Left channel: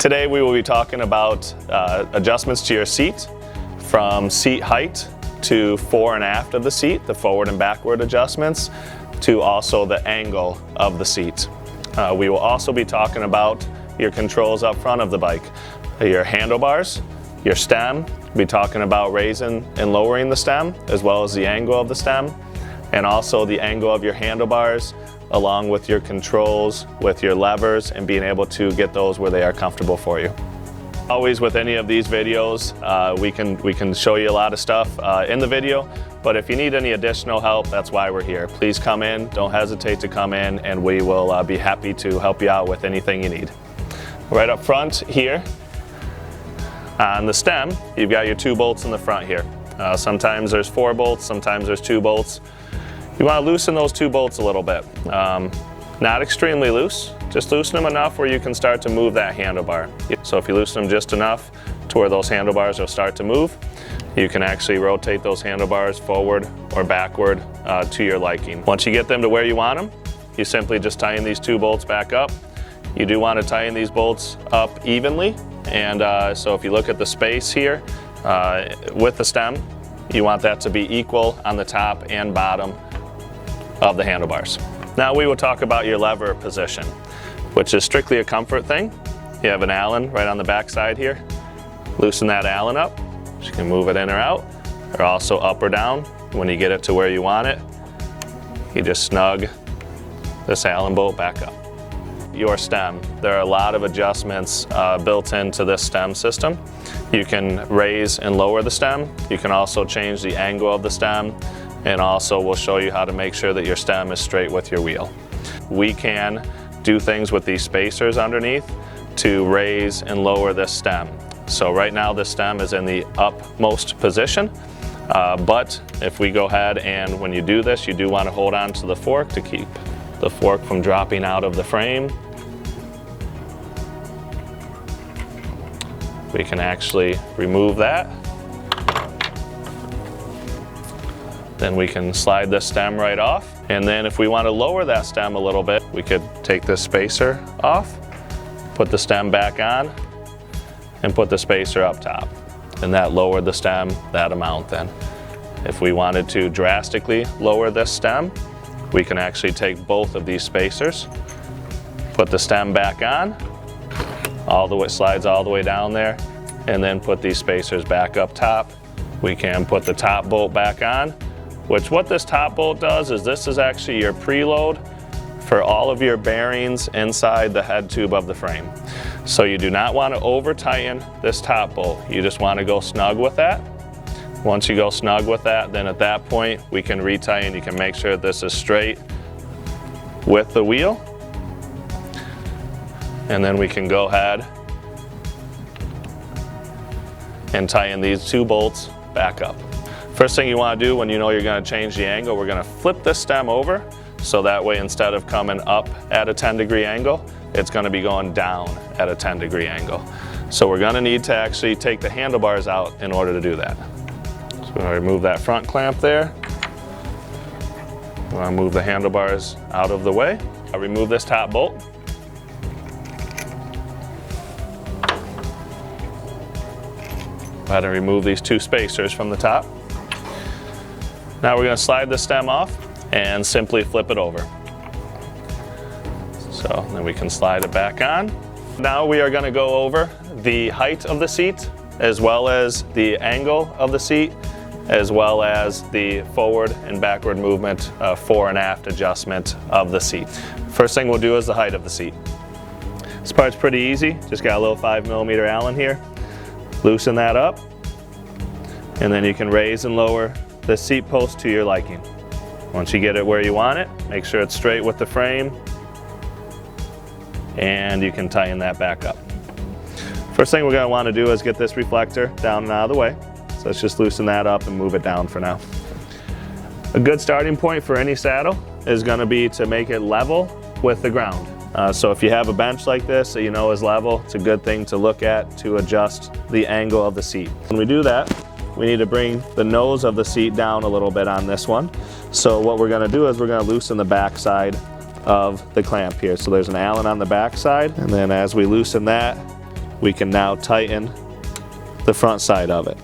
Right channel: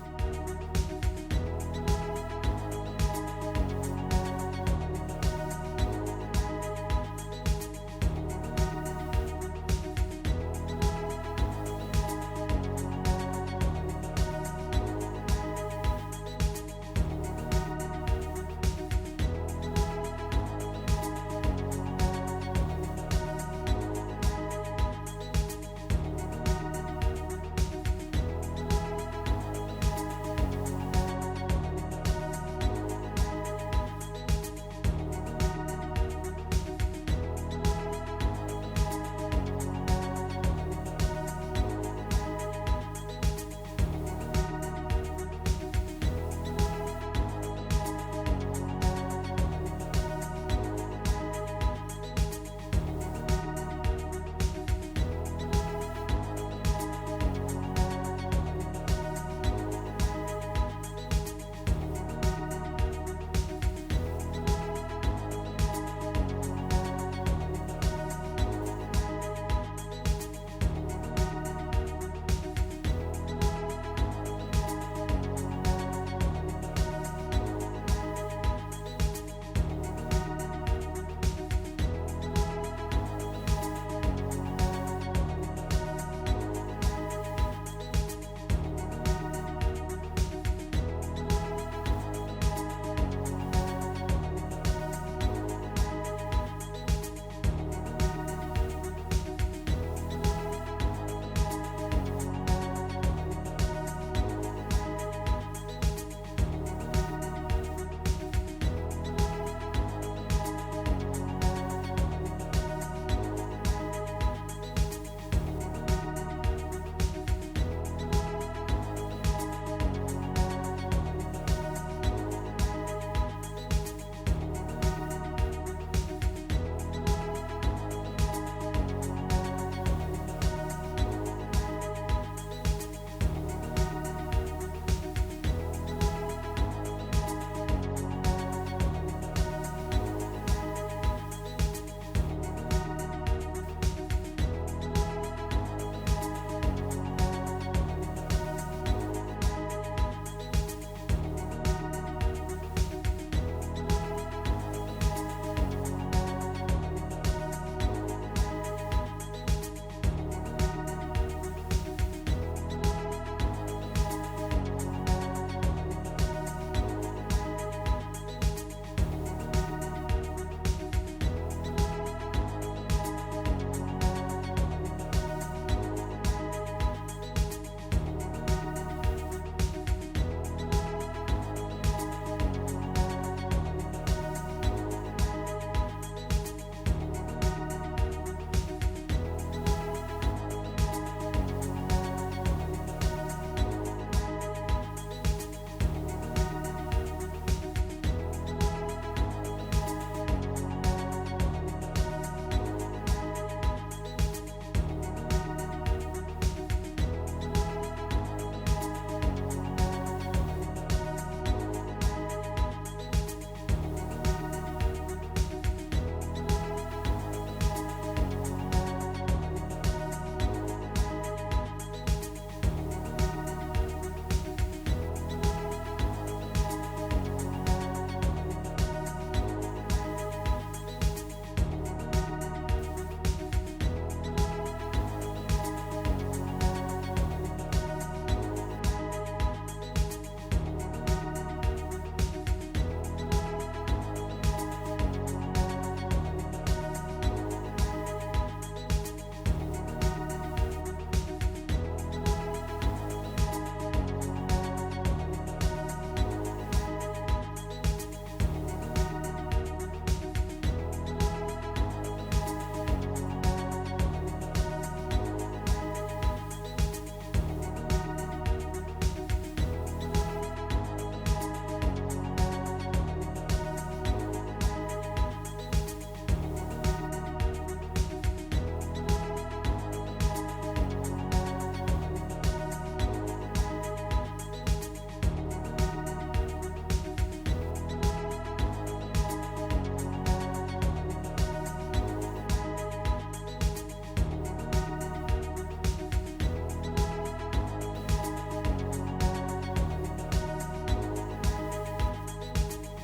Today we will be talking about adjustments to your seat, from seat height to fore and aft of the seat, the forward and backward adjustments, to also the angle of the seat. We will also be talking about your controls up front of the bike, your handlebars, your stem. We'll be talking about raising and lowering the stem, as well as the angle of the stem, and also the angle of your handlebars, along with your controls, with your levers, and being able to get those where they are comfortable for you. Always with any of these videos, we can show you a lot of stuff in the video, but if you need any additional help, that's why we're here. Please come in, don't hesitate to come in, and we will be happy to help you out with anything you need. Right up front here, on the stem, you've got your 2 bolts in the front here. Sometimes there's 4 bolts, sometimes there's 2 bolts. You want to loosen those 2 bolts a little bit. Not extremely loose, just loosen them enough where you can start to move that handlebar. So if you loosen them just enough to where those handlebars will start to move, you can actually rotate those handlebars forward or backward to your liking. Once you get them to where you want them, you simply just tighten these 2 bolts back up. You do want to tighten these bolts up evenly, and so if you look at the space here with the stem, you want that to be equal on the top and bottom of the handlebars. Now we will talk about your lever position, which is strictly a comfort thing. You have an Allen right on the back side here. Loosen that Allen up. You can move it in or out, or also up or down. When you get it to where you want it, you just snug this Allen bolt back up. Your stem, there are a lot of adjustments built into this stem system. You can raise and lower the stem. You can also change the angle of the stem, and also we'll show you how to make sure that your stem is straight with your wheel. We can do things with these spacers underneath to raise and lower this stem. So right now this stem is in the upmost position, but if we go ahead and when you do this, you do want to hold on to the fork to keep the fork from dropping out of the frame. We can actually remove that. Then we can slide the stem right off. And then if we want to lower that stem a little bit, we could take this spacer off, put the stem back on, and put the spacer up top. And that lowered the stem that amount then. If we wanted to drastically lower this stem, we can actually take both of these spacers, put the stem back on, all the way, slides all the way down there, and then put these spacers back up top. We can put the top bolt back on, which what this top bolt does is this is actually your preload for all of your bearings inside the head tube of the frame. So you do not want to over tighten this top bolt. You just want to go snug with that. Once you go snug with that, then at that point we can retighten. You can make sure this is straight with the wheel. And then we can go ahead and tighten these 2 bolts back up. First thing you want to do when you know you're going to change the angle, we're going to flip this stem over, so that way instead of coming up at a 10-degree angle, it's going to be going down at a 10-degree angle. So we're going to need to actually take the handlebars out in order to do that. So we're going to remove that front clamp there. We're going to move the handlebars out of the way. I'll remove this top bolt. Go ahead and remove these 2 spacers from the top. Now we're going to slide the stem off and simply flip it over. So then we can slide it back on. Now we are going to go over the height of the seat, as well as the angle of the seat, as well as the forward and backward movement, fore and aft adjustment of the seat. First thing we'll do is the height of the seat. This part's pretty easy. Just got a little 5mm Allen here. Loosen that up, and then you can raise and lower the seat post to your liking. Once you get it where you want it, make sure it's straight with the frame, and you can tighten that back up. First thing we're going to want to do is get this reflector down and out of the way. So let's just loosen that up and move it down for now. A good starting point for any saddle is going to be to make it level with the ground. So if you have a bench like this that you know is level, it's a good thing to look at to adjust the angle of the seat. When we do that, we need to bring the nose of the seat down a little bit on this one. So what we're going to do is we're going to loosen the back side of the clamp here. So there's an Allen on the back side, and then as we loosen that, we can now tighten the front side of it.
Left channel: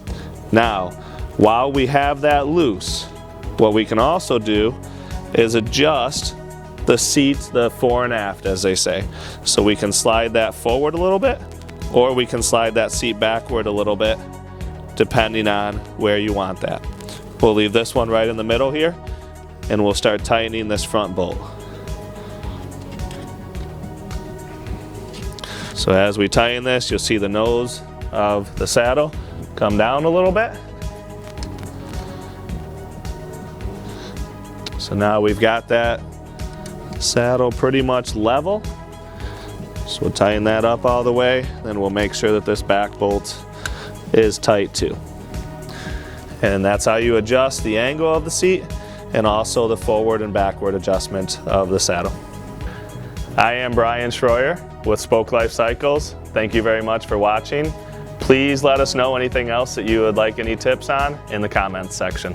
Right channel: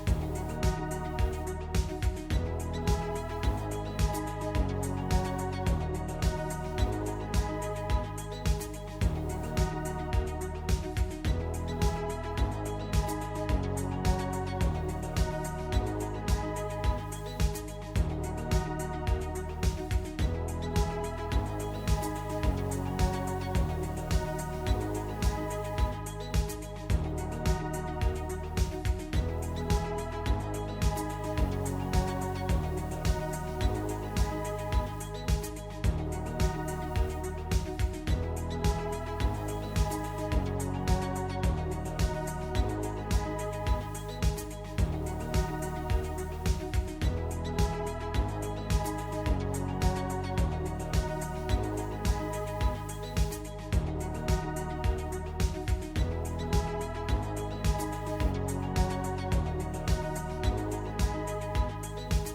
Now, while we have that loose, what we can also do is adjust the seat, the fore and aft, as they say. So we can slide that forward a little bit, or we can slide that seat backward a little bit, depending on where you want that. We'll leave this one right in the middle here, and we'll start tightening this front bolt. So as we tighten this, you'll see the nose of the saddle come down a little bit. So now we've got that saddle pretty much level. So we'll tighten that up all the way, then we'll make sure that this back bolt is tight too. And that's how you adjust the angle of the seat and also the forward and backward adjustment of the saddle. I am Brian Schroyer with Spoke Life Cycles. Thank you very much for watching. Please let us know anything else that you would like any tips on in the comments section.